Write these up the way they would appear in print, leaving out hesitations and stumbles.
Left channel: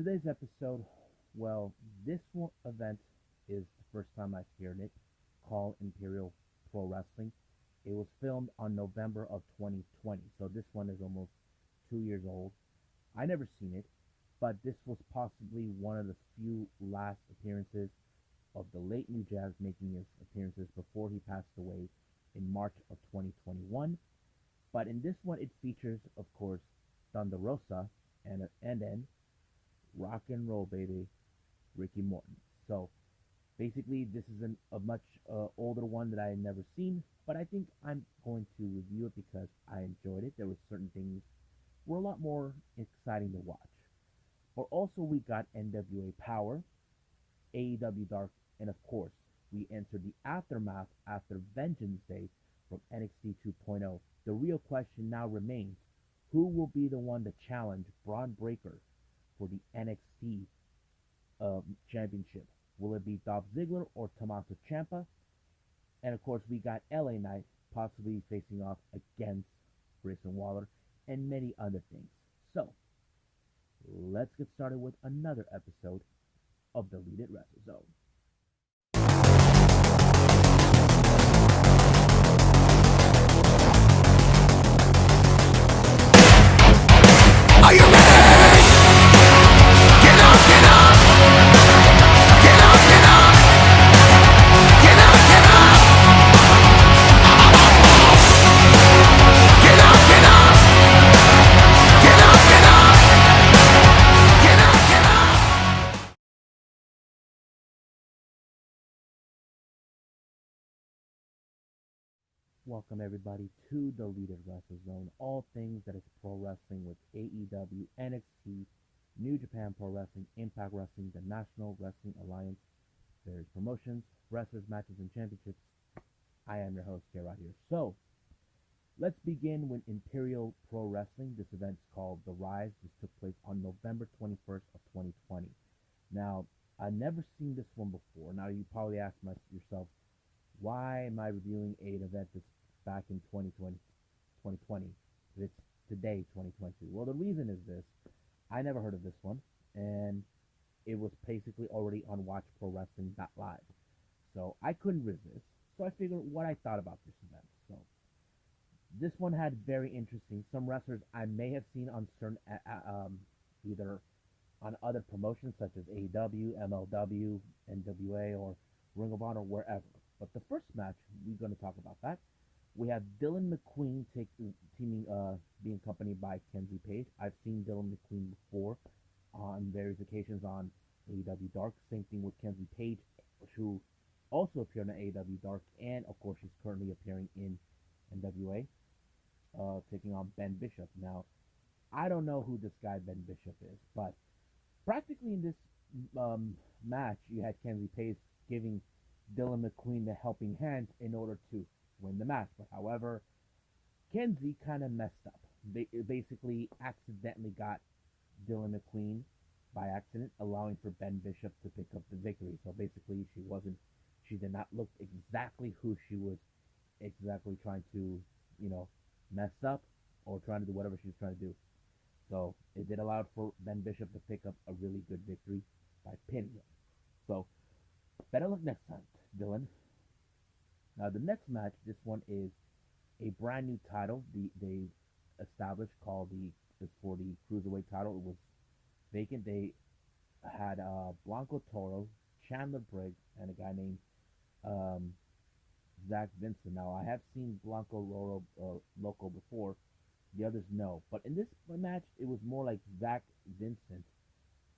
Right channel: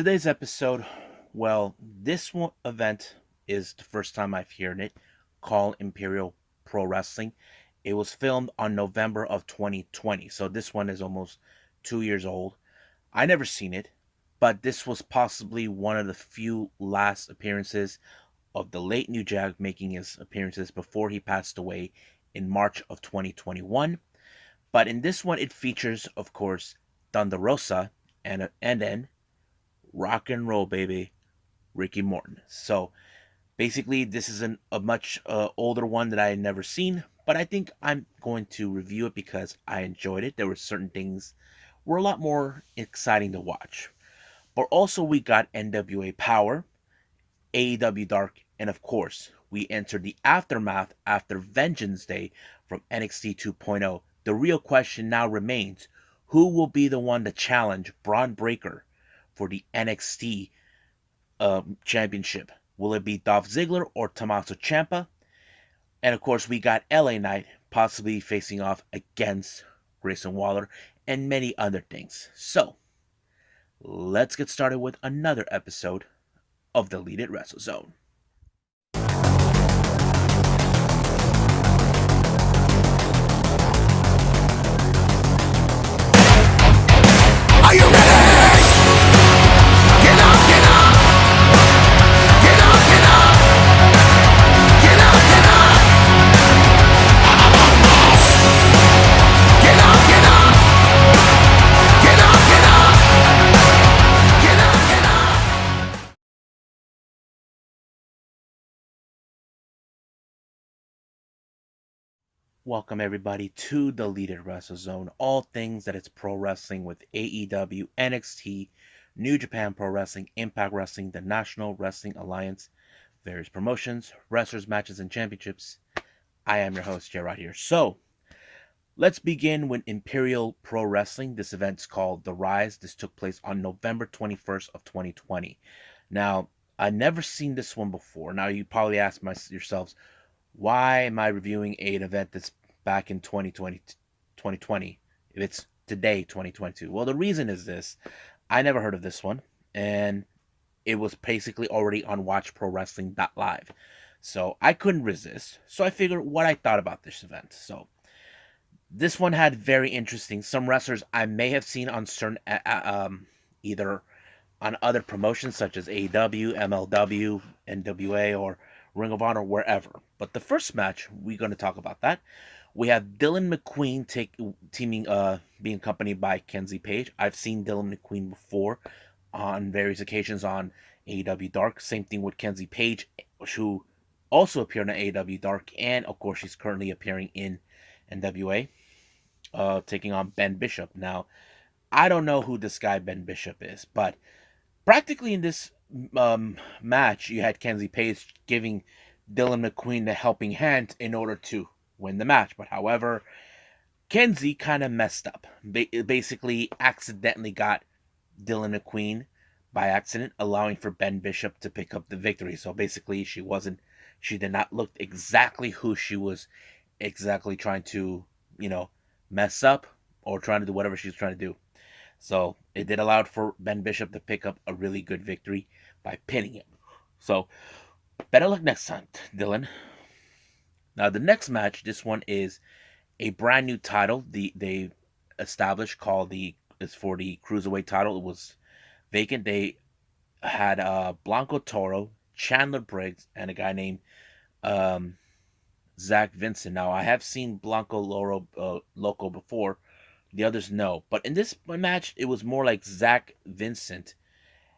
Today's episode, well, this event is the first time I've heard it, called Imperial Pro Wrestling. It was filmed on November of 2020, so this one is almost 2 years old. I never seen it, but this was possibly one of the few last appearances of the late New Jack making his appearances before he passed away in March of 2021. But in this one, it features, of course, Thunder Rosa and then rock and roll baby Ricky Morton. So basically, this is a much older one that I had never seen, but I think I'm going to review it because I enjoyed it. There were certain things were a lot more exciting to watch. But also we got NWA Powerrr, AEW Dark, and of course, we entered the aftermath after Vengeance Day from NXT 2.0. The real question now remains, who will be the one to challenge Braun Breaker for the NXT championship? Will it be Dolph Ziggler or Tommaso Ciampa? And of course, we got LA Knight possibly facing off against Grayson Waller and many other things. So, let's get started with another episode of the Lead It Wrestle Zone. Are you ready? Get up, get up! Get up, get up! Get up, get up! Get up, get up! Get up, get up! Get up, get up! Welcome everybody to the Lead It Wrestle Zone. All things that it's pro wrestling with AEW, NXT, New Japan Pro Wrestling, Impact Wrestling, the National Wrestling Alliance, various promotions, wrestlers, matches, and championships. I am your host, Gerard here. So, let's begin with Imperial Pro Wrestling. This event's called The Rise. This took place on November 21st of 2020. Now, I've never seen this one before. Now, you probably ask yourselves, why am I reviewing an event that's back in 2020 if it's today, 2022? Well, the reason is this. I never heard of this one, and it was basically already on WatchProWrestling.live. So I couldn't resist. So I figured what I thought about this event. So this one had very interesting. Some wrestlers I may have seen on certain, either on other promotions such as AEW, MLW, NWA, or Ring of Honor, wherever. But the first match, we're going to talk about that. We have Dylan McQueen being accompanied by Kenzie Page. I've seen Dylan McQueen before on various occasions on AEW Dark. Same thing with Kenzie Page, who also appeared on AEW Dark, and of course she's currently appearing in NWA, taking on Ben Bishop. Now, I don't know who this guy Ben Bishop is, but practically in this match, you had Kenzie Page giving Dylan McQueen the helping hand in order to win the match. But however, Kenzie kind of messed up. Basically, accidentally got Dylan McQueen by accident, allowing for Ben Bishop to pick up the victory. So basically, she did not look exactly who she was exactly trying to, mess up or trying to do whatever she was trying to do. So it did allow for Ben Bishop to pick up a really good victory by pinning him. So better luck next time, Dylan. Now the next match, this one is a brand new title. They established called is for the cruiserweight title. It was vacant. They had Blanco Toro, Chandler Briggs, and a guy named um, Zach Vincent. Now I have seen Blanco Loco before. The others no. But in this match, it was more like Zach Vincent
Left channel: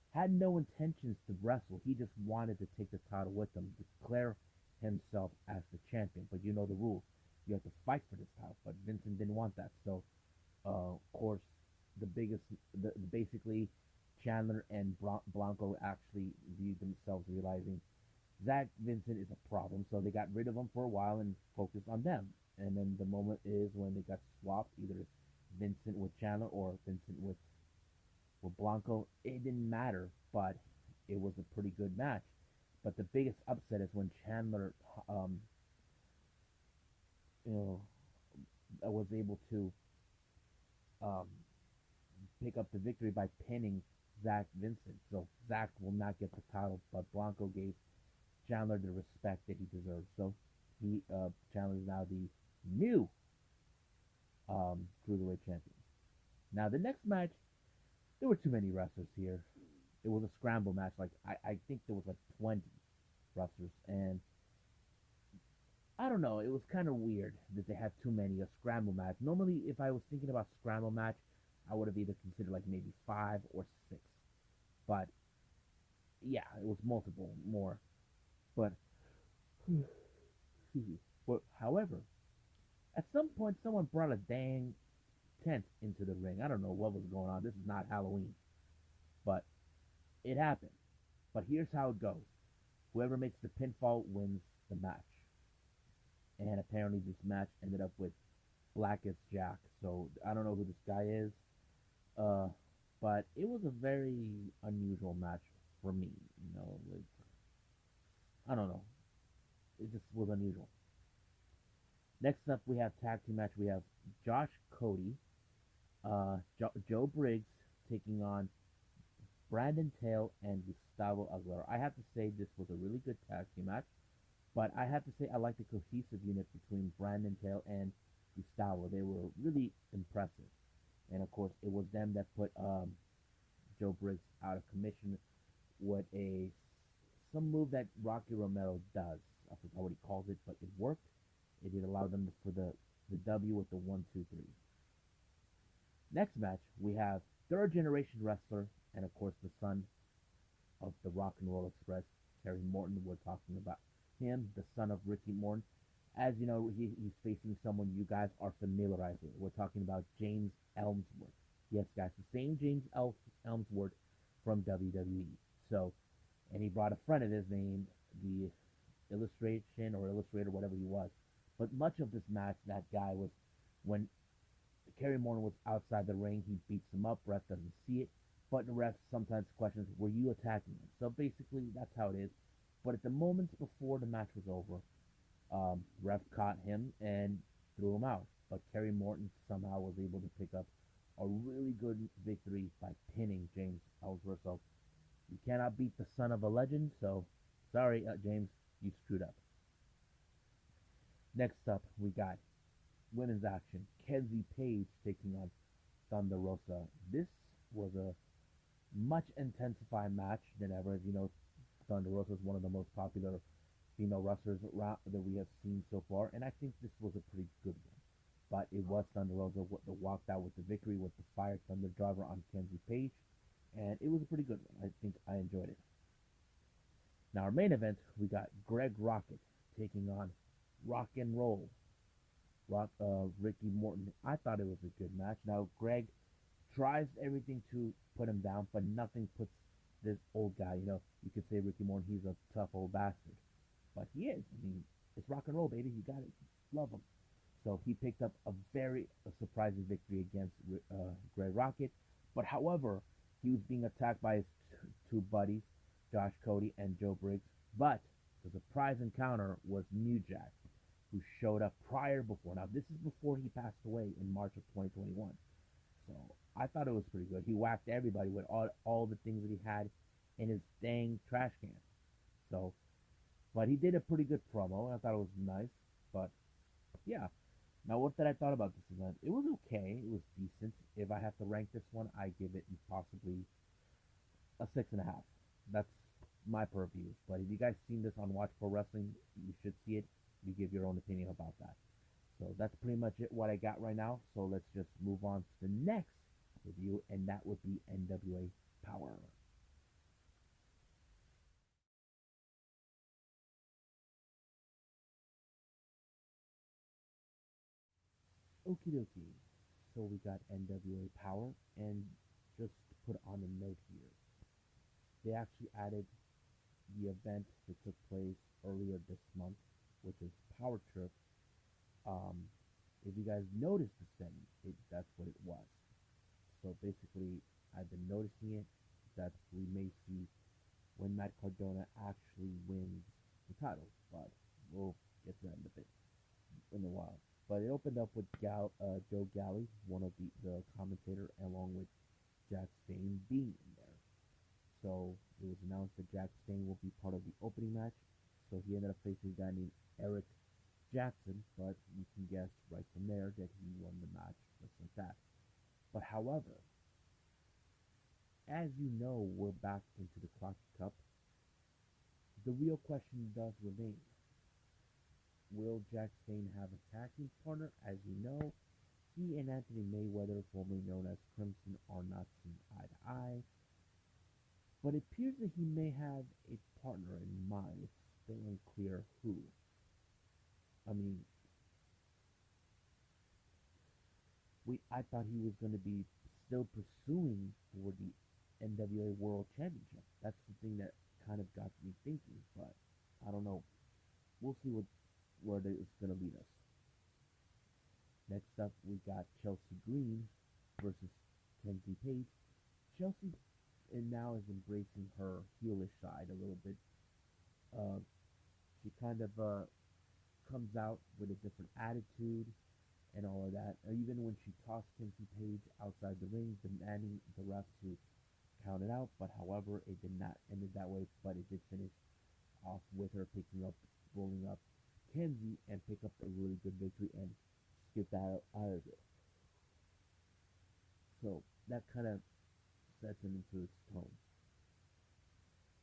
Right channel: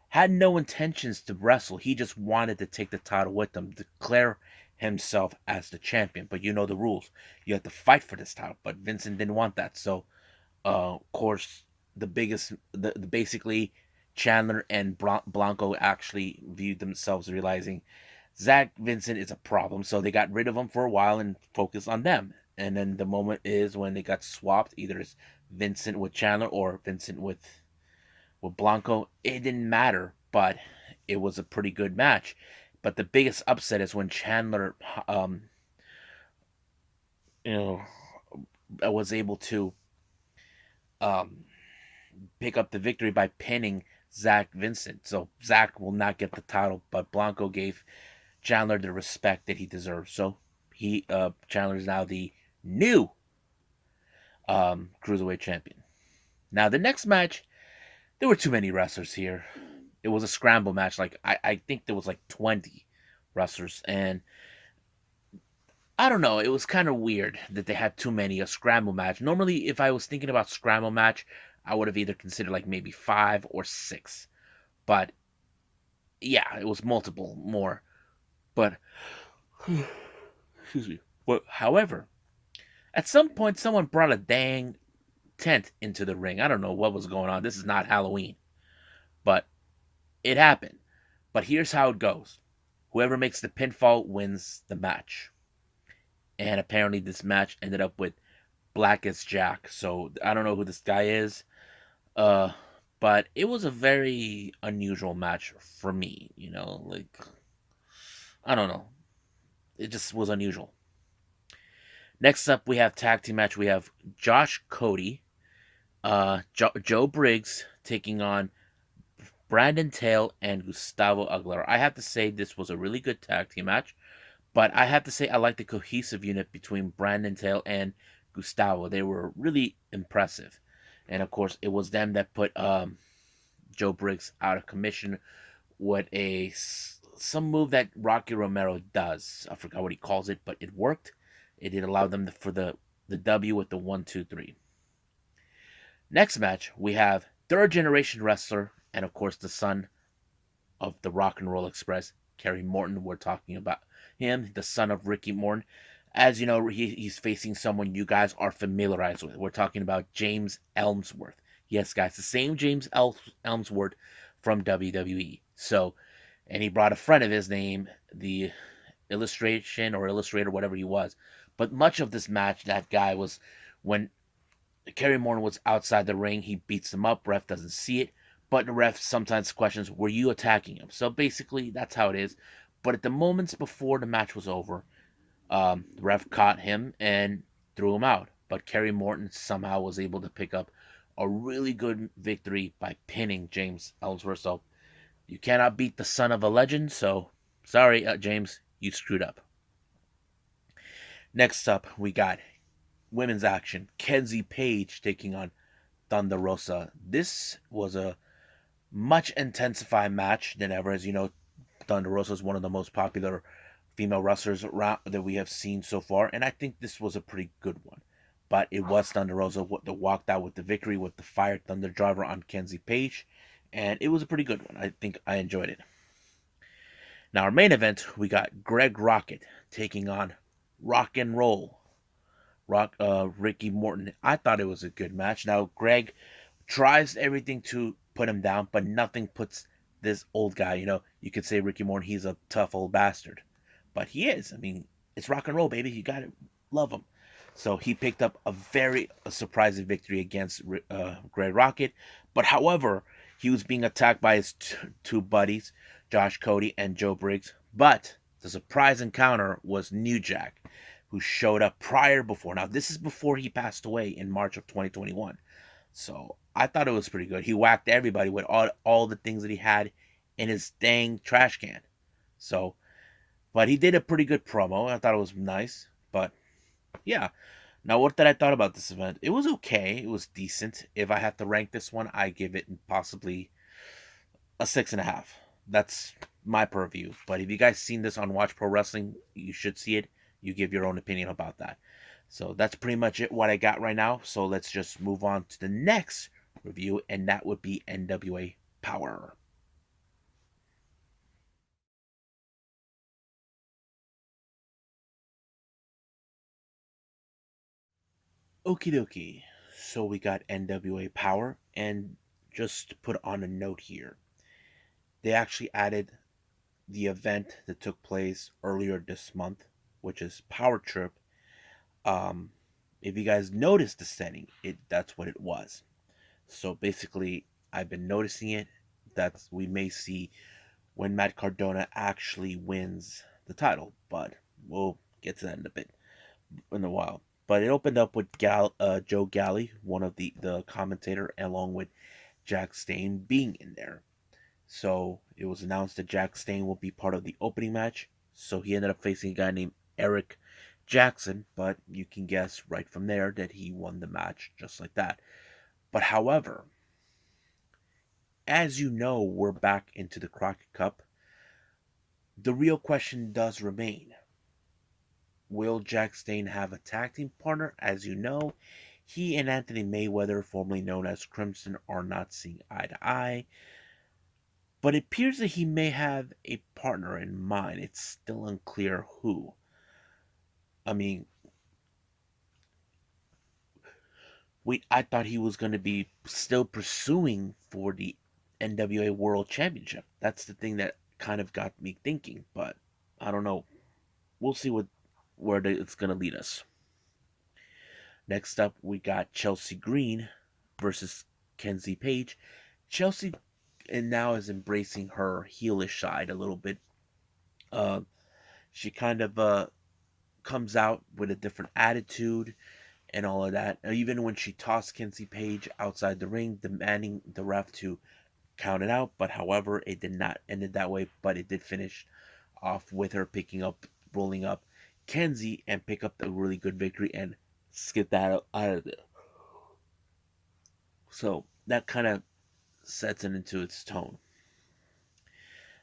had no intentions to wrestle. He just wanted to take the title with them, declare himself as the champion. But you know the rules. You have to fight for this title. But Vincent didn't want that. So, of course, basically, Chandler and Blanco actually viewed themselves realizing Zach Vincent is a problem. So they got rid of him for a while and focused on them. And then the moment is when they got swapped. Either it's Vincent with Chandler or Vincent with Blanco. It didn't matter, but it was a pretty good match. But the biggest upset is when Chandler, you know, was able to um, pick up the victory by pinning Zach Vincent. So Zach will not get the title, but Blanco gave Chandler the respect that he deserves. So Chandler is now the new cruiserweight champion. Now the next match, there were too many wrestlers here. It was a scramble match. Like I think there was like 20 wrestlers, and I don't know. It was kind of weird that they had too many a scramble match. Normally, if I was thinking about scramble match, I would have either considered like maybe 5 or 6. But yeah, it was multiple more. But excuse me. But however, at some point, someone brought a dang tent into the ring. I don't know what was going on. This is not Halloween, but it happened. But here's how it goes: whoever makes the pinfall wins the match. And apparently, this match ended up with Blackest Jack. So I don't know who this guy is. Uh, but it was a very unusual match for me. Like I don't know. It just was unusual. Next up, we have tag team match. We have Josh Cody, Joe Briggs taking on Brandon Tail and Gustavo Aguilera. I have to say this was a really good tag team match, but I have to say I like the cohesive unit between Brandon Tail and Gustavo. They were really impressive, and of course, it was them that put Joe Briggs out of commission with some move that Rocky Romero does. I forgot what he calls it, but it worked. It did allow them for the W with the 1-2-3. Next match, we have third generation wrestler and of course the son of the Rock and Roll Express, Kerry Morton. We're talking about him, the son of Ricky Morton. As you know, he's facing someone you guys are familiarized with. We're talking about James Ellsworth. Yes, guys, the same James Ellsworth from WWE. So, and he brought a friend of his name, the illustrator, whatever he was. But much of this match, that guy was when Kerry Morton was outside the ring, he beats him up. Ref doesn't see it, but the ref sometimes questions, "Were you attacking him?" So basically, that's how it is. But at the moments before the match was over, the ref caught him and threw him out. But Kerry Morton somehow was able to pick up a really good victory by pinning James Ellsworth. So you cannot beat the son of a legend. So sorry, James, you screwed up. Next up, we got women's action. Kenzie Page taking on Thunder Rosa. This was a much intensified match than ever. As you know, Thunder Rosa is one of the most popular female wrestlers around that we have seen so far, and I think this was a pretty good one. But it was Thunder Rosa that walked out with the victory with the Fire Thunder Driver on Kenzie Page, and it was a pretty good one. I think I enjoyed it. Now, our main event, we got Greg Rocket taking on Rock and Roll Ricky Morton. I thought it was a good match. Now, Greg tries everything to put him down, but nothing puts this old guy. You could say Ricky Morton, he's a tough old bastard, but he is. I mean, it's rock and roll, baby. You gotta love him. So he picked up a surprising victory against Greg Rocket. But however, he was being attacked by his two buddies, Josh Cody and Joe Briggs. But the surprise encounter was New Jack, who showed up before. Now, this is before he passed away in March of 2021. So I thought it was pretty good. He whacked everybody with all the things that he had in his dang trash can. So, but he did a pretty good promo. I thought it was nice. But yeah. Now, what did I thought about this event? It was okay. It was decent. If I had to rank this one, I give it possibly a 6.5. That's my purview. But if you guys seen this on Watch Pro Wrestling, you should see it. You give your own opinion about that. So that's pretty much it what I got right now. So let's just move on to the next review, and that would be NWA Powerrr. Okie dokie. So we got NWA Powerrr, and just to put on a note here, they actually added the event that took place earlier this month, which is Powerrr Trip. Um, if you guys noticed the setting, that's what it was. So basically, I've been noticing it. That we may see when Matt Cardona actually wins the title, but we'll get to that in a while. But it opened up with Joe Galley, one of the commentator, along with Jack Stane being in there. So it was announced that Jack Stane will be part of the opening match. So he ended up facing a guy named Eric Jackson, but you can guess right from there that he won the match just like that. But however, as you know, we're back into the Crockett Cup. The real question does remain. Will Jack Stane have a tag team partner? As you know, he and Anthony Mayweather, formerly known as Crimson, are not seeing eye to eye. But it appears that he may have a partner in mind. It's still unclear who. I mean, I thought he was going to be still pursuing for the NWA World Championship. That's the thing that kind of got me thinking, but I don't know. We'll see where it's going to lead us. Next up, we got Chelsea Green versus Kenzie Page. Chelsea and now is embracing her heelish side a little bit. Uh, she kind of comes out with a different attitude and all of that. Even when she tossed Kenzie Page outside the ring, demanding the ref to count it out. But however, it did not end it that way. But it did finish off with her rolling up Kenzie and pick up a really good victory and skip that out of there. So that kind of sets it into its tone.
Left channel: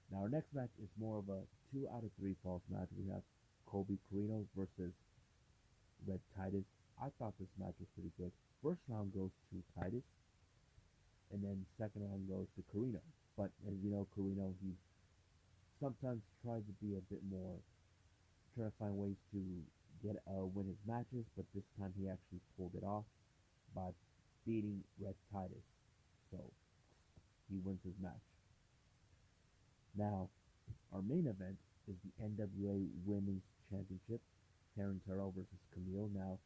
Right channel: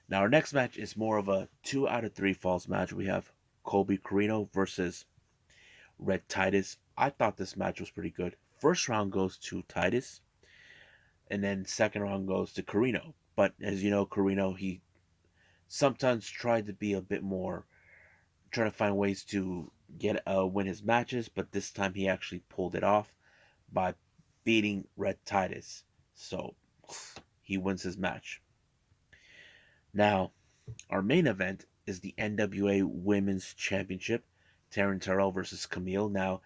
Now our next match is more of a 2 out of 3 falls match. We have Colby Corino versus Red Titus. I thought this match was pretty good. First round goes to Titus, and then second round goes to Corino. But as you know, Corino, he sometimes tried to be a bit more, trying to find ways to win his matches, but this time he actually pulled it off by beating Red Titus. So he wins his match. Now, our main event is the NWA Women's Championship. Taryn Terrell versus Camille. Now,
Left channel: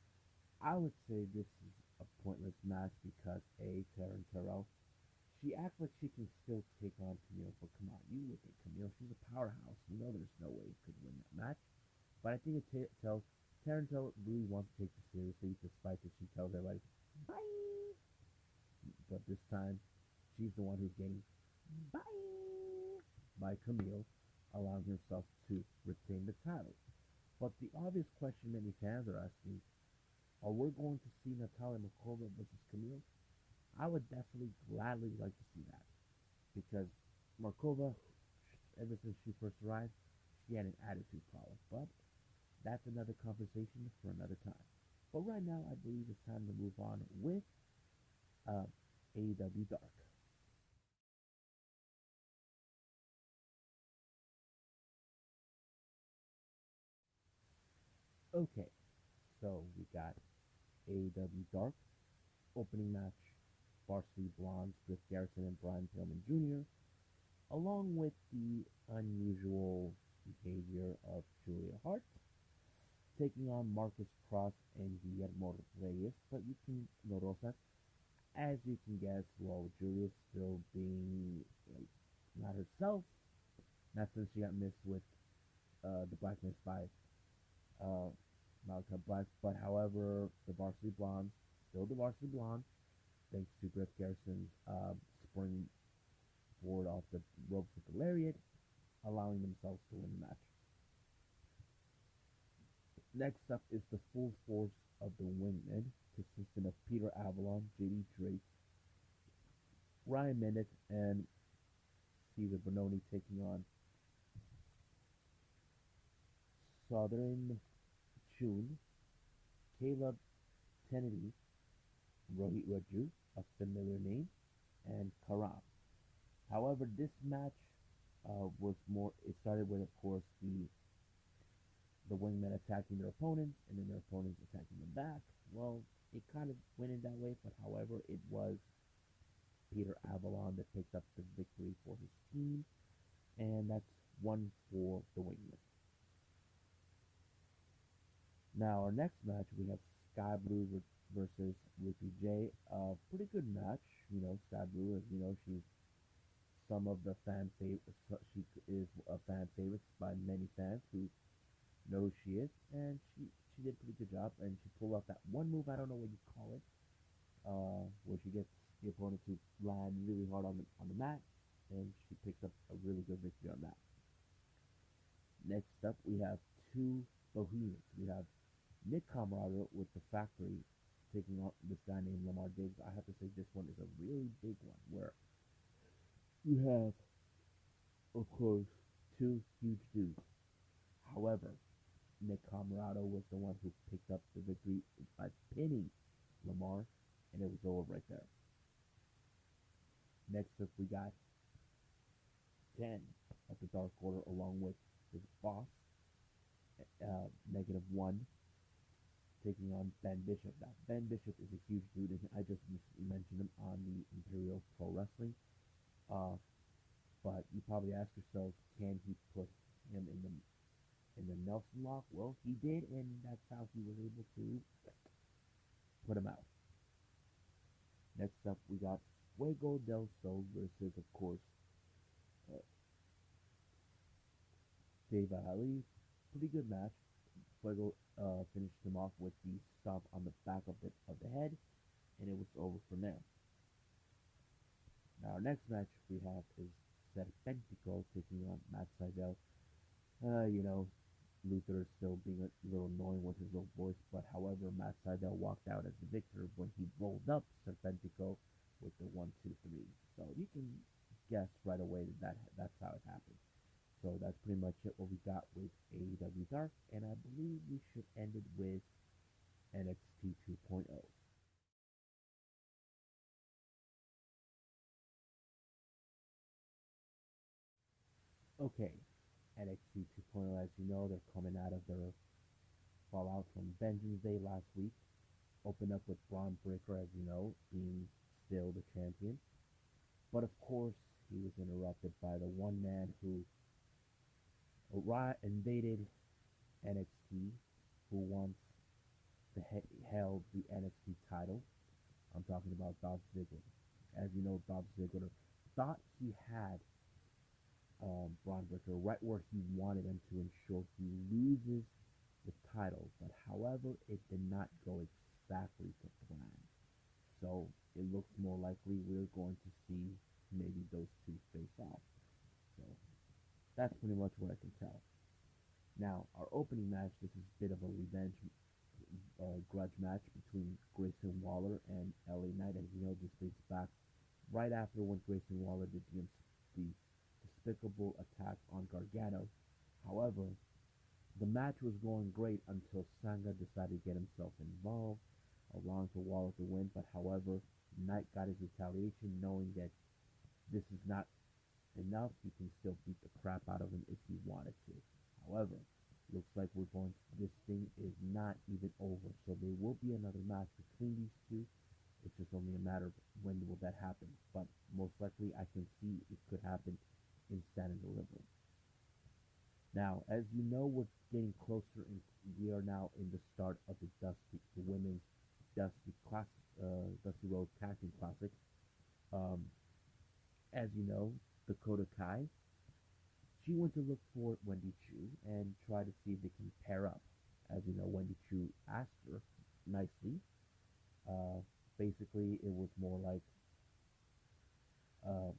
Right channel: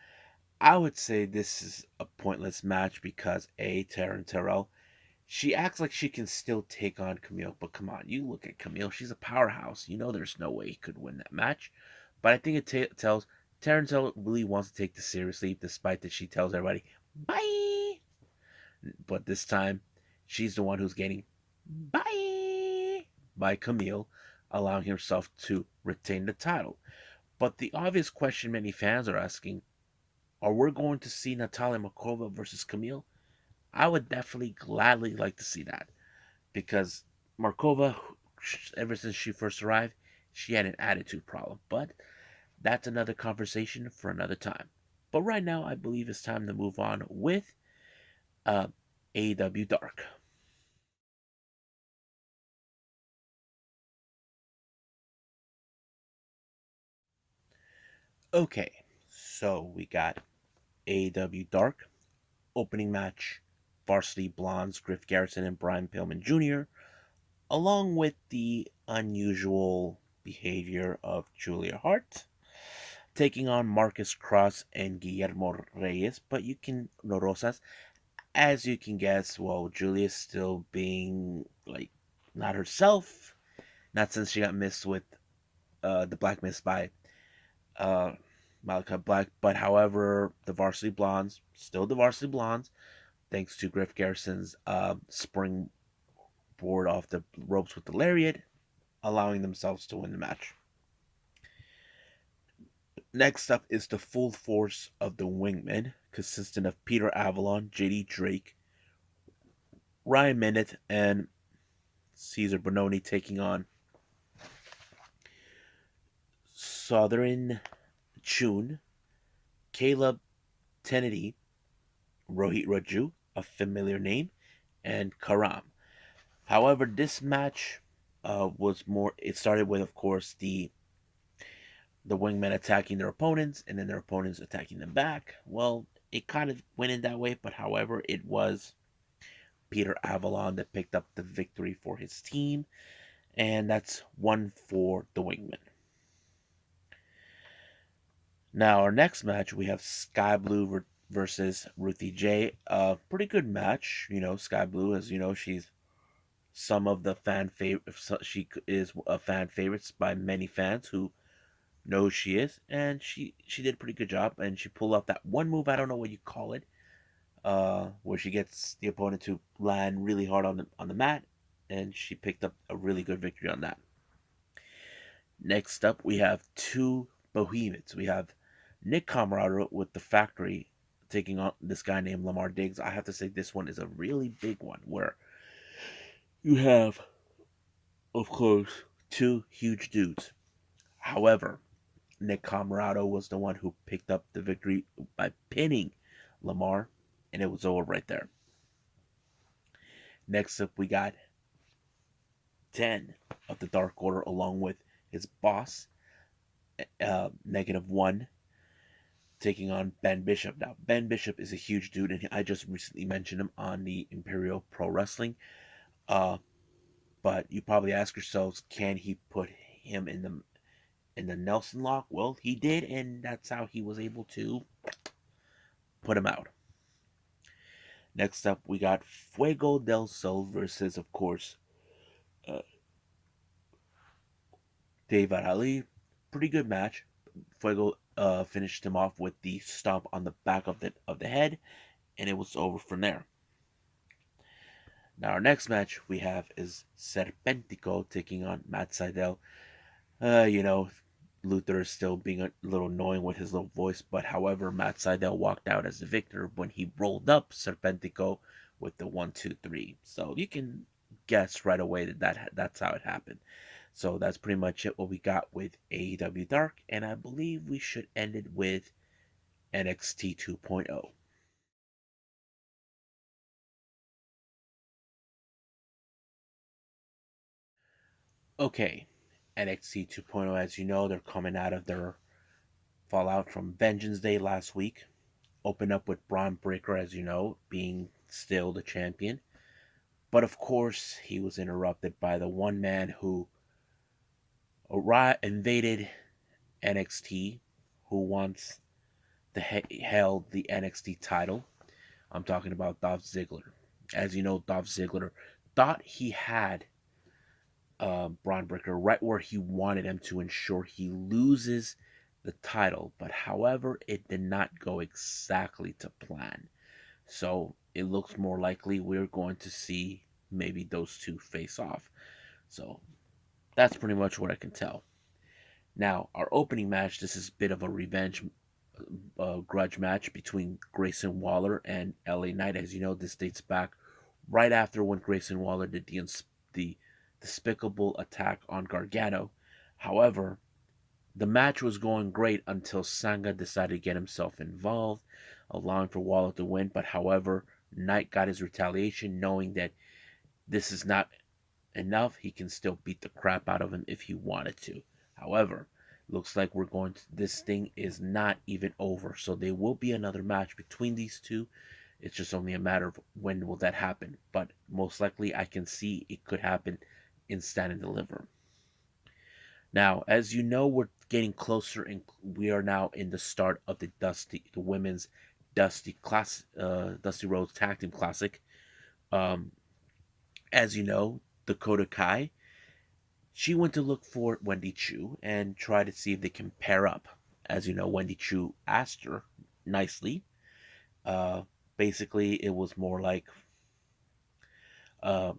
I would say this is a pointless match because Taryn Terrell, she acts like she can still take on Camille, but come on, you look at Camille, she's a powerhouse. You know there's no way he could win that match. But I think it tells Taryn Terrell really wants to take this seriously, despite that she tells everybody, bye. But this time, she's the one who's getting bye by Camille, allowing herself to retain the title. But the obvious question many fans are asking, are we going to see Natalia Markova versus Camille? I would definitely gladly like to see that because Markova, ever since she first arrived, she had an attitude problem. But that's another conversation for another time. But right now, I believe it's time to move on with uh, AEW Dark. Okay, so we got AEW Dark opening match, Varsity Blondes, Griff Garrison and Brian Pillman Jr., along with the unusual behavior of Julia Hart, taking on Marcus Cross and Guillermo Reyes. But you can, no Rosas, as you can guess, well, Julia's still being like not herself, not since she got missed with the Black Mist by uh, Malachi Black. But however, the Varsity Blondes, still the Varsity Blondes, thanks to Griff Garrison's springboard off the ropes with the lariat, allowing themselves to win the match. Next up is the full force of the Wingmen, consisting of Peter Avalon, JD Drake, Ryan Minute, and Caesar Bononi, taking on Southern Chun, Caleb Kennedy, Rohit Raju, a familiar name, and Karam. However, this match was more. It started with, of course, the wingmen attacking their opponents and then their opponents attacking them back. Well, it kind of went in that way, but however, it was Peter Avalon that picked up the victory for his team, and that's one for the wingmen. Now, our next match, we have Sky Blue versus Ruthie J. A pretty good match. You know, Sky Blue, as you know, she's some of the fan favorite. She is a fan favorites by many fans who know who she is, and she did a pretty good job. And she pulled off that one move. I don't know what you call it. where she gets the opponent to land really hard on the mat, and she picked up a really good victory on that. Next up, we have two behemoths. We have Nick Comoroto with the Factory taking on this guy named Lamar Diggs. I have to say this one is a really big one where you have, of course, two huge dudes. However, Nick Comoroto was the one who picked up the victory by pinning Lamar, and it was over right there. Next up, we got 10 of the Dark Order along with his boss, -1, taking on Ben Bishop. Now, Ben Bishop is a huge dude, and I just recently mentioned him on the Imperial Pro Wrestling. Uh, but you probably ask yourselves, can he put him in the Nelson lock? Well, he did, and that's how he was able to put him out. Next up, we got Fuego del Sol versus, of course, uh, David Ali. Pretty good match. Fuego finished him off with the stomp on the back of the head, and it was over from there. Now our next match we have is Serpentico taking on Matt Sydal. You know, Luther is still being a little annoying with his little voice, but however, Matt Sydal walked out as the victor when he rolled up Serpentico with the 1, 2, 3. So you can guess right away that's how it happened. So that's pretty much it what we got with AEW Dark, and I believe we should end it with NXT 2.0. Okay, NXT 2.0, as you know, they're coming out of their fallout from Vengeance Day last week. Opened up with Braun Breaker, as you know, being still the champion. But of course, he was interrupted by the one man who invaded NXT, who once held the NXT title. I'm talking about Dolph Ziggler. As you know, Dolph Ziggler thought he had Braun Breaker right where he wanted him to ensure he loses the title. But however, it did not go exactly to plan. So it looks more likely we're going to see maybe those two face off. So that's pretty much what I can tell. Now, our opening match, this is a bit of a revenge grudge match between Grayson Waller and LA Knight. As you know, this dates back right after when Grayson Waller did the despicable attack on Gargano. However, the match was going great until Sanga decided to get himself involved, allowing for Waller to win. But however, Knight got his retaliation, knowing that this is not enough. He can still beat the crap out of him if he wanted to. However, looks like we're going to, this thing is not even over. So there will be another match between these two. It's just only a matter of when will that happen. But most likely I can see it could happen in Stand and Deliver. Now, as you know, we're getting closer, and we are now in the start of the women's Dusty Rhodes Tag Team Classic. Um, as you know, Dakota Kai, she went to look for Wendy Chu and try to see if they can pair up. As you know, Wendy Chu asked her nicely. Uh, Basically, it was more like um,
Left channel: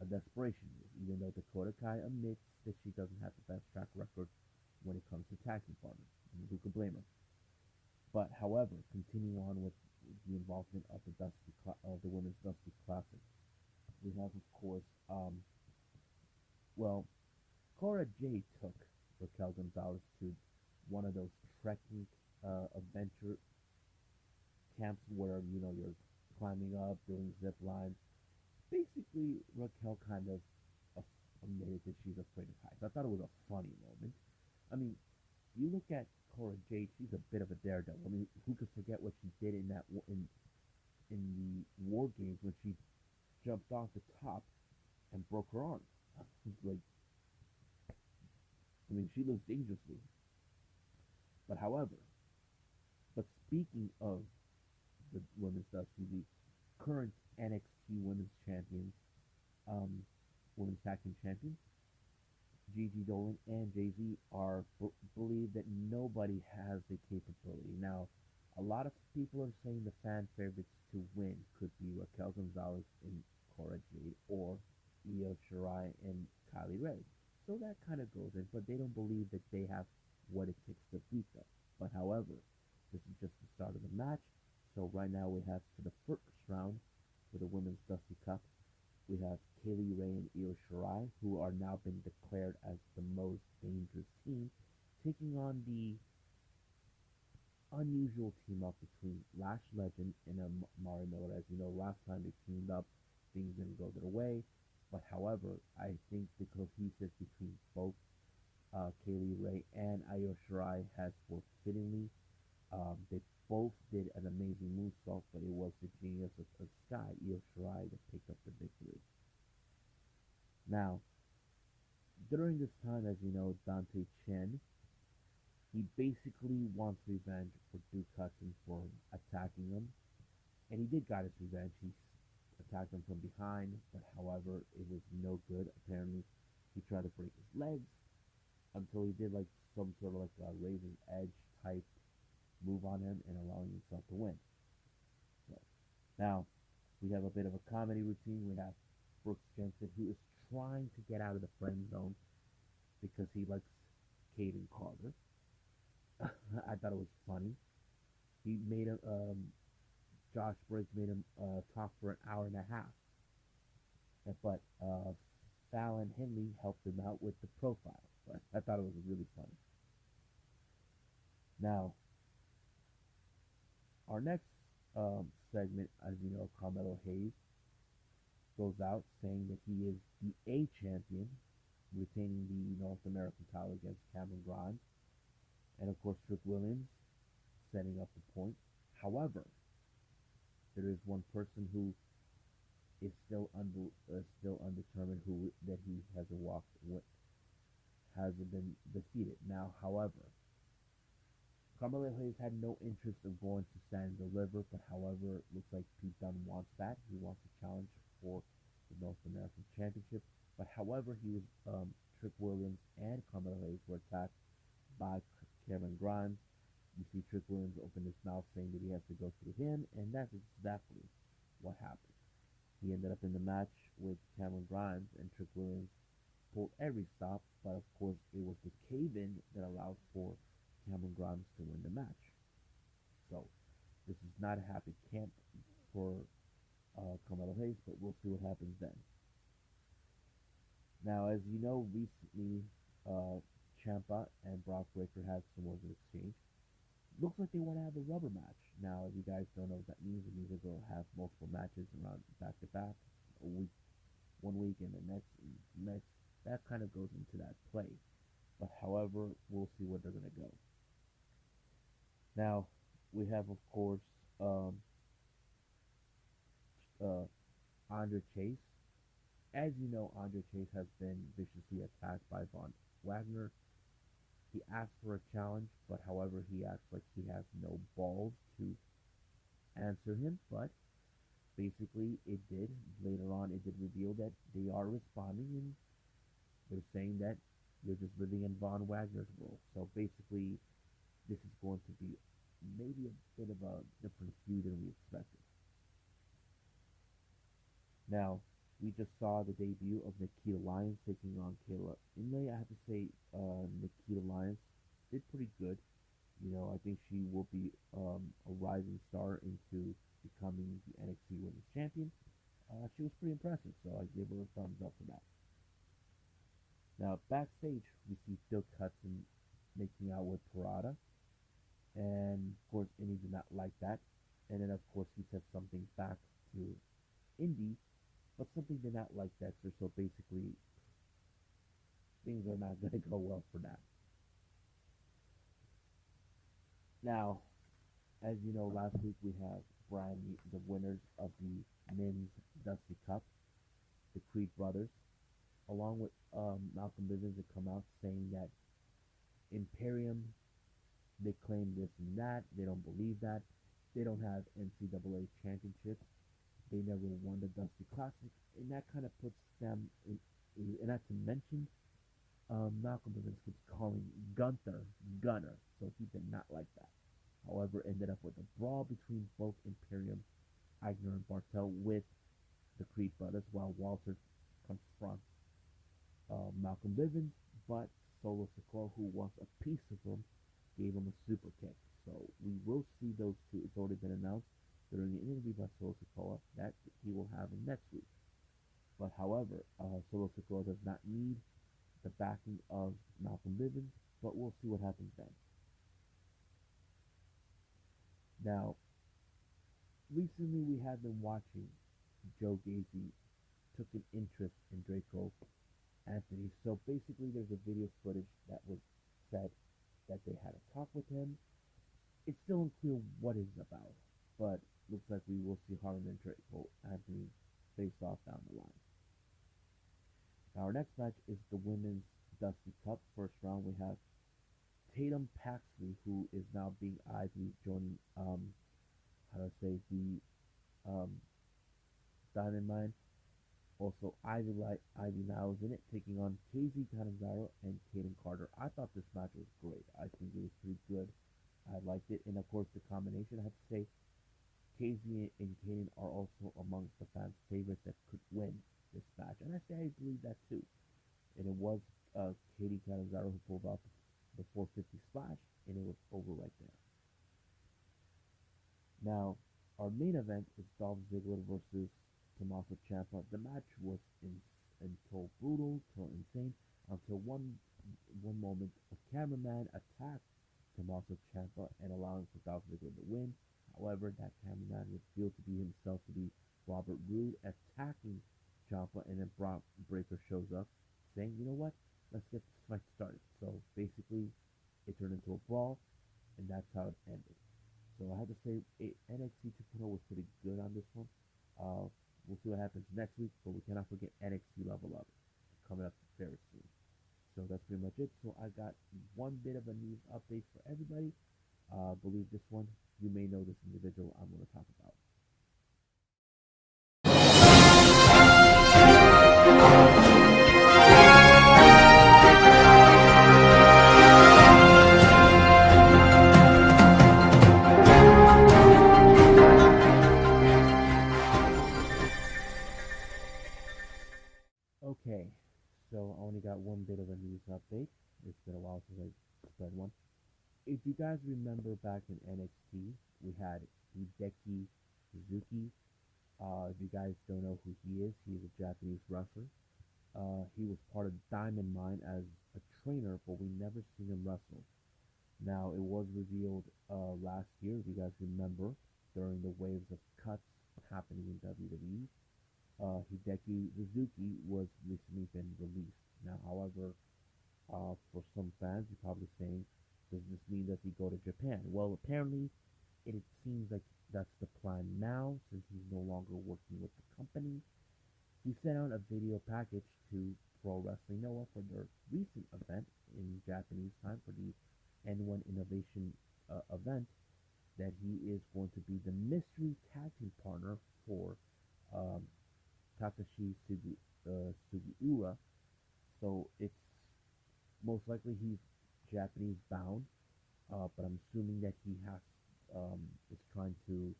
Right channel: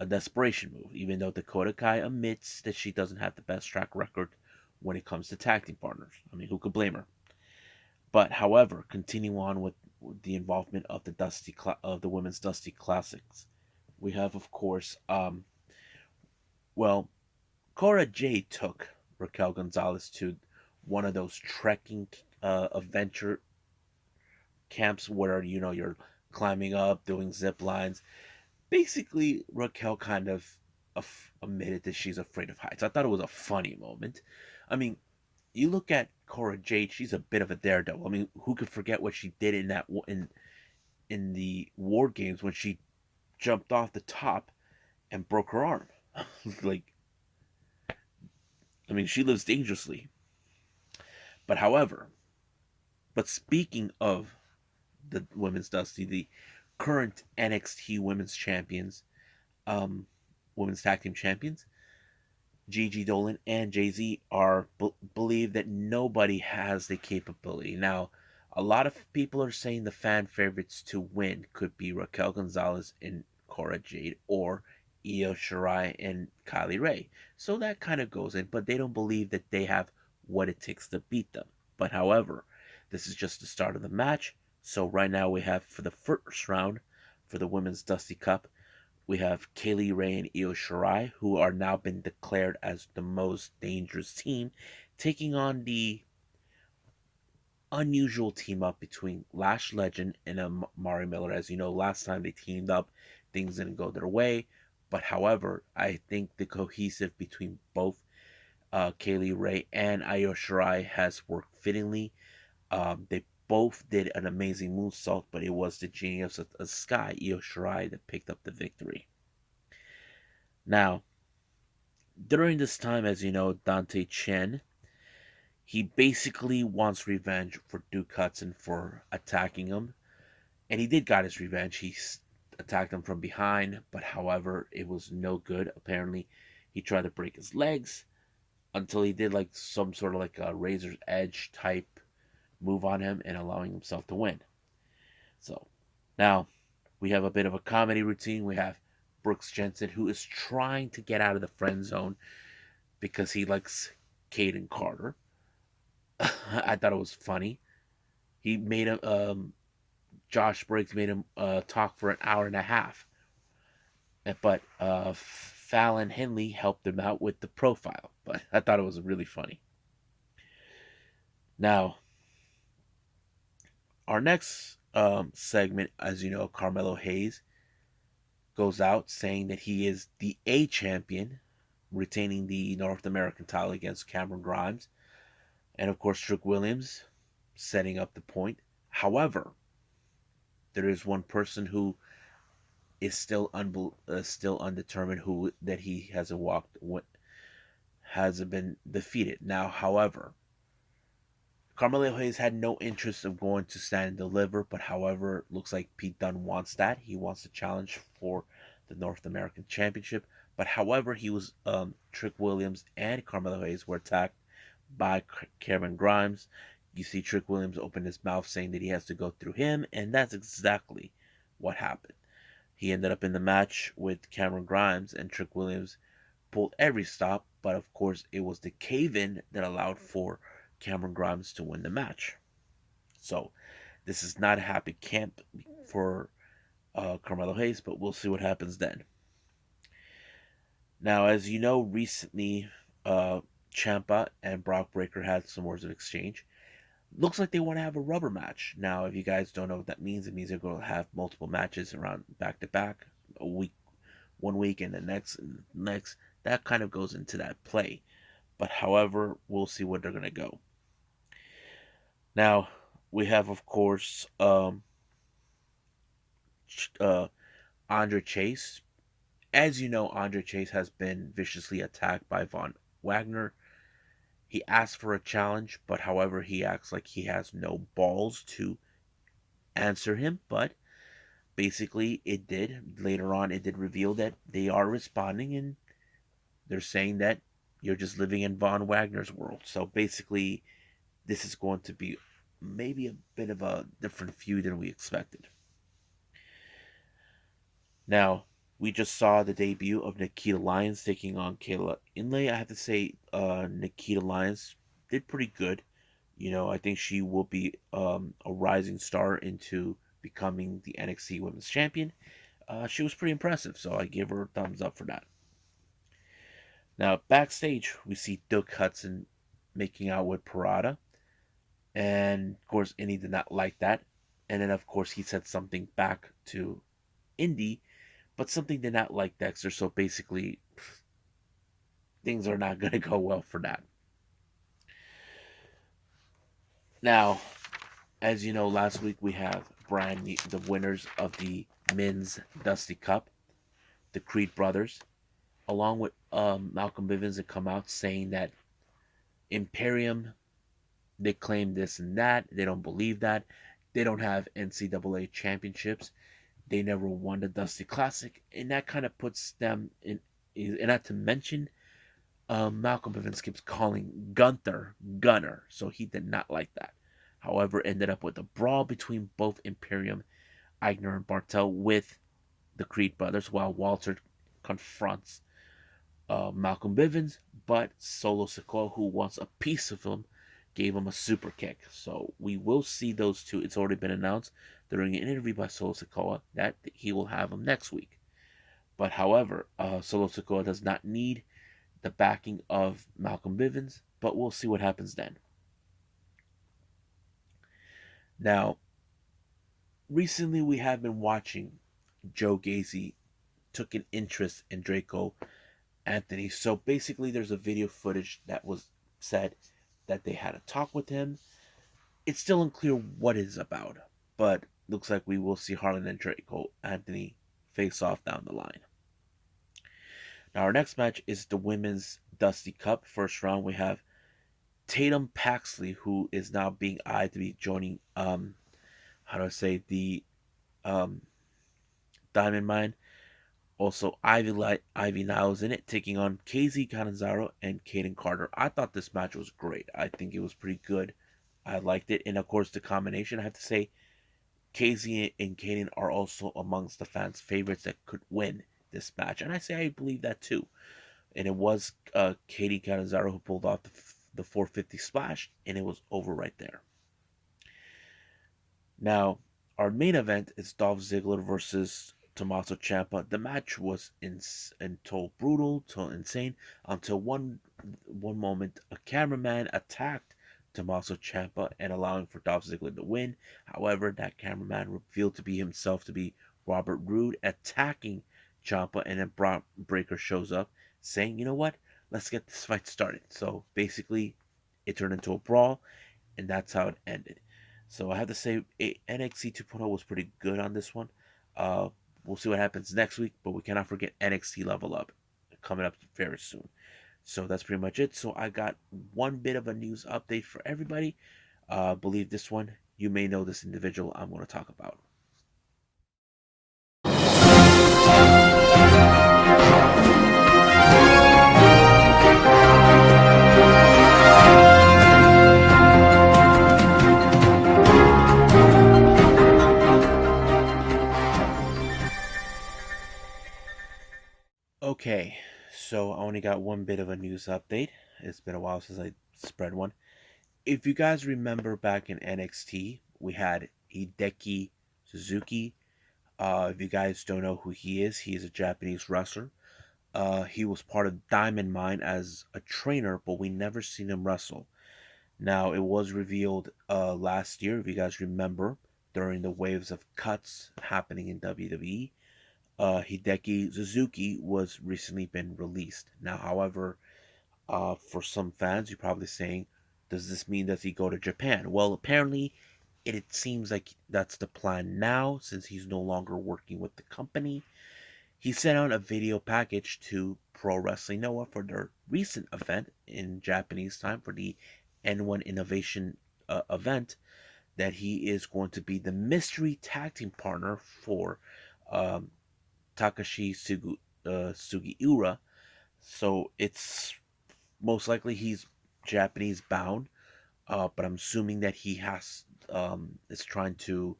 a desperation move, even though Dakota Kai admits that she doesn't have the best track record when it comes to tag team partners. I mean, who could blame her? But however, continue on with the involvement of the women's Dusty Classics. We have, of course, well, Cora Jade took Raquel Gonzalez to one of those trekking adventure camps where you're climbing up, doing zip lines. Basically, Raquel kind of admitted that she's afraid of heights. I thought it was a funny moment. I mean, you look at Cora Jade; she's a bit of a daredevil. I mean, who could forget what she did in the War Games when she jumped off the top and broke her arm? Like, I mean, she lives dangerously. But however, but speaking of the women's Dusty, the current NXT Women's Champions, um, Women's Tag Team Champions, Gigi Dolan and Jay Z are believe that nobody has the capability. Now, A lot of people are saying the fan favorites to win could be Raquel Gonzalez and Cora Jade or Io Shirai and Kylie Ray. So that kind of goes in, but they don't believe that they have what it takes to beat them. But however, this is just the start of the match. So right now we have for the first round for the Women's Dusty Cup, we have Kaylee Ray and Io Shirai, who are now been declared as the most dangerous team, taking on the unusual team up between Lash Legend and Mari Miller. As you know, last time they teamed up, things didn't go their way. But however, I think the cohesive between both Kaylee Ray and Io Shirai has worked fittingly. They both did an amazing moonsault, but it was the genius of the Sky, Io Shirai, that picked up the victory. Now, during this time, as you know, Dante Chen, he basically wants revenge for Duke Hudson for attacking him. And he did got his revenge. He attacked him from behind, but however, it was no good. Apparently, he tried to break his legs until he did like some sort of like a razor's edge type move on him and allowing himself to win. So now we have a bit of a comedy routine. We have Brooks Jensen, who is trying to get out of the friend zone because he likes Caden Carter. I thought it was funny. He made him, Josh Briggs made him talk for an hour and a half. But Fallon Henley helped him out with the profile. But I thought it was really funny. Now, our next segment, as you know, Carmelo Hayes goes out saying that he is the A champion, retaining the North American title against Cameron Grimes. And of course, Trick Williams setting up the point. However, there is one person who is still undetermined who that he hasn't been defeated. Now, however, Carmelo Hayes had no interest of going to Stand and Deliver, but however, looks like Pete Dunne wants that. He wants to challenge for the North American Championship. But however, he was Trick Williams and Carmelo Hayes were attacked by Cameron Grimes. You see Trick Williams open his mouth saying that he has to go through him, and that's exactly what happened. He ended up in the match with Cameron Grimes, and Trick Williams pulled every stop, but of course it was the cave-in that allowed for Cameron Grimes to win the match. So this is not a happy camp for Carmelo Hayes, but we'll see what happens then. Now, as you know, recently Ciampa and Brock Breaker had some words of exchange. Looks like they want to have a rubber match. Now, if you guys don't know what that means, it means they're going to have multiple matches around back to back, a week, 1 week, and the next, and the next. That kind of goes into that play. But however, we'll see where they're going to go. Now, we have, of course, Andre Chase. As you know, Andre Chase has been viciously attacked by Von Wagner. He asked for a challenge, but however, he acts like he has no balls to answer him. But basically, it did. Later on, it did reveal that they are responding and they're saying that you're just living in Von Wagner's world. So basically, this is going to be maybe a bit of a different feud than we expected. Now, we just saw the debut of Nikita Lyons taking on Kayla Inlay. I have to say, Nikita Lyons did pretty good. You know, I think she will be a rising star into becoming the NXT Women's Champion. She was pretty impressive, so I give her a thumbs up for that. Now, backstage, we see Duke Hudson making out with Parada. And, of course, Indy did not like that. And then, of course, he said something back to Indy, but something did not like Dexter. So basically, things are not going to go well for that. Now, as you know, last week we have brand new, the winners of the Men's Dusty Cup, the Creed brothers, along with Malcolm Bivens, that come out saying that Imperium, they claim this and that. They don't believe that. They don't have NCAA championships. They never won the Dusty Classic, and that kind of puts them in. And not to mention, Malcolm Bivens keeps calling Gunther Gunner, so he did not like that. However, ended up with a brawl between both Imperium, Eigner, and Bartel with the Creed brothers, while Walter confronts Malcolm Bivens, but Solo Sikoa, who wants a piece of him, gave him a super kick. So we will see those two. It's already been announced during an interview by Solo Sikoa that he will have him next week. But however, Solo Sikoa does not need the backing of Malcolm Bivens, but we'll see what happens then. Now, recently we have been watching Joe Gacy took an interest in Draco Anthony. So basically, there's a video footage that was said that they had a talk with him. It's still unclear what it is about, but looks like we will see Harlan and Draco Anthony face off down the line. Now, our next match is the Women's Dusty Cup. First round, we have Tatum Paxley, who is now being eyed to be joining, how do I say, the um, Diamond Mine. Also, Ivy Niles in it, taking on KZ Canizaro and Kaden Carter. I thought this match was great. I think it was pretty good. I liked it. And of course, the combination, I have to say, KZ and Kaden are also amongst the fans' favorites that could win this match. And I say I believe that too. And it was Katie Canizaro who pulled off the 450 splash, and it was over right there. Now, our main event is Dolph Ziggler versus Tommaso Ciampa. The match was until brutal, until insane, until one moment a cameraman attacked Tommaso Ciampa and allowing for Dolph Ziggler to win. However, that cameraman revealed to be himself to be Robert Roode attacking Ciampa, and then Bron Breakker shows up saying, "You know what? Let's get this fight started." So basically, it turned into a brawl, and that's how it ended. So I have to say, NXT 2.0 was pretty good on this one. Uh, we'll see what happens next week, but we cannot forget NXT Level Up coming up very soon. So that's pretty much it. So I got one bit of a news update for everybody. Believe this one, you may know this individual I'm going to talk about. Okay, so I only got one bit of a news update. It's been a while since I spread one. If you guys remember back in NXT, we had Hideki Suzuki. If you guys don't know who he is a Japanese wrestler. He was part of Diamond Mine as a trainer, but we never seen him wrestle. Now, it was revealed last year, if you guys remember, during the waves of cuts happening in WWE. Hideki Suzuki was recently been released. Now, however, for some fans, you're probably saying, does this mean that he go to Japan? Well, apparently, it seems like that's the plan now, since he's no longer working with the company. He sent out a video package to Pro Wrestling Noah for their recent event in Japanese time for the N1 Innovation event, that he is going to be the mystery tag team partner for um, Takashi Sugiura. So it's most likely he's Japanese bound, but I'm assuming that he is trying to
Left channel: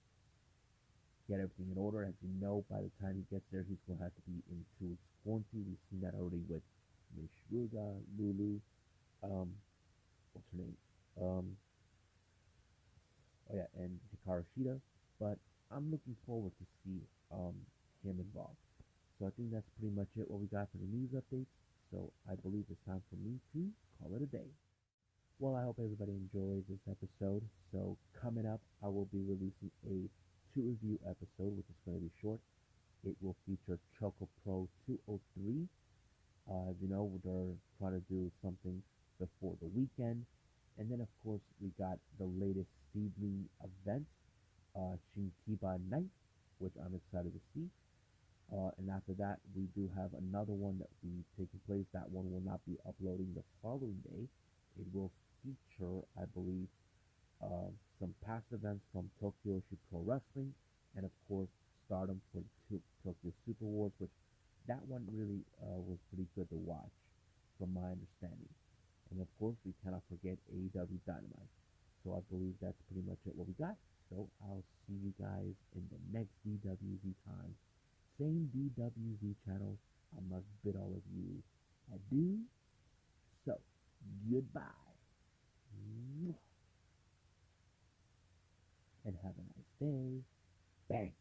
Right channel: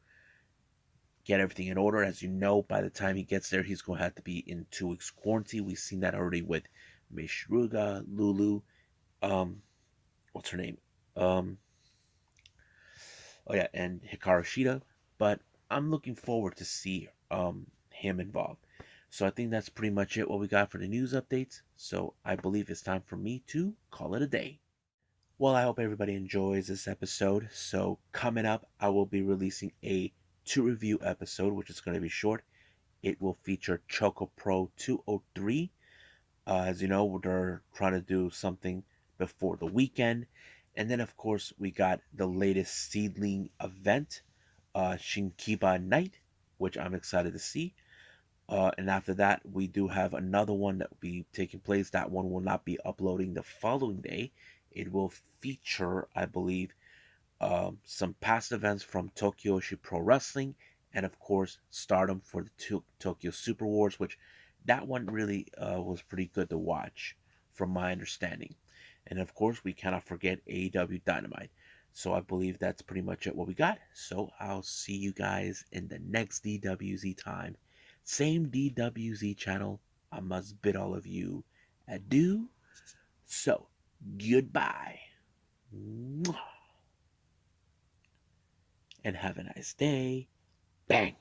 get everything in order. As you know, by the time he gets there, he's going to have to be in 2 weeks quarantine. We've seen that already with Mishruga, Lulu, um, what's her name? Um, oh yeah, and Hikaru Shida. But I'm looking forward to see him involved. So I think that's pretty much it what we got for the news updates. So I believe it's time for me to call it a day. Well, I hope everybody enjoys this episode. So coming up, I will be releasing a 2 review episode, which is going to be short. It will feature Choco Pro 203. As you know, they're trying to do something before the weekend. And then, of course, we got the latest seedling event, Shinkiba Night, which I'm excited to see. And after that, we do have another one that will be taking place. That one will not be uploading the following day. It will feature, I believe, some past events from Tokyo Pro Wrestling, and of course, Stardom for the Tokyo Super Wars, which that one really was pretty good to watch, from my understanding. And of course, we cannot forget AEW Dynamite. So I believe that's pretty much it what we got. So I'll see you guys in the next DWZ time. Same DWZ channel. I must bid all of you adieu. So goodbye. And have a nice day. Bang.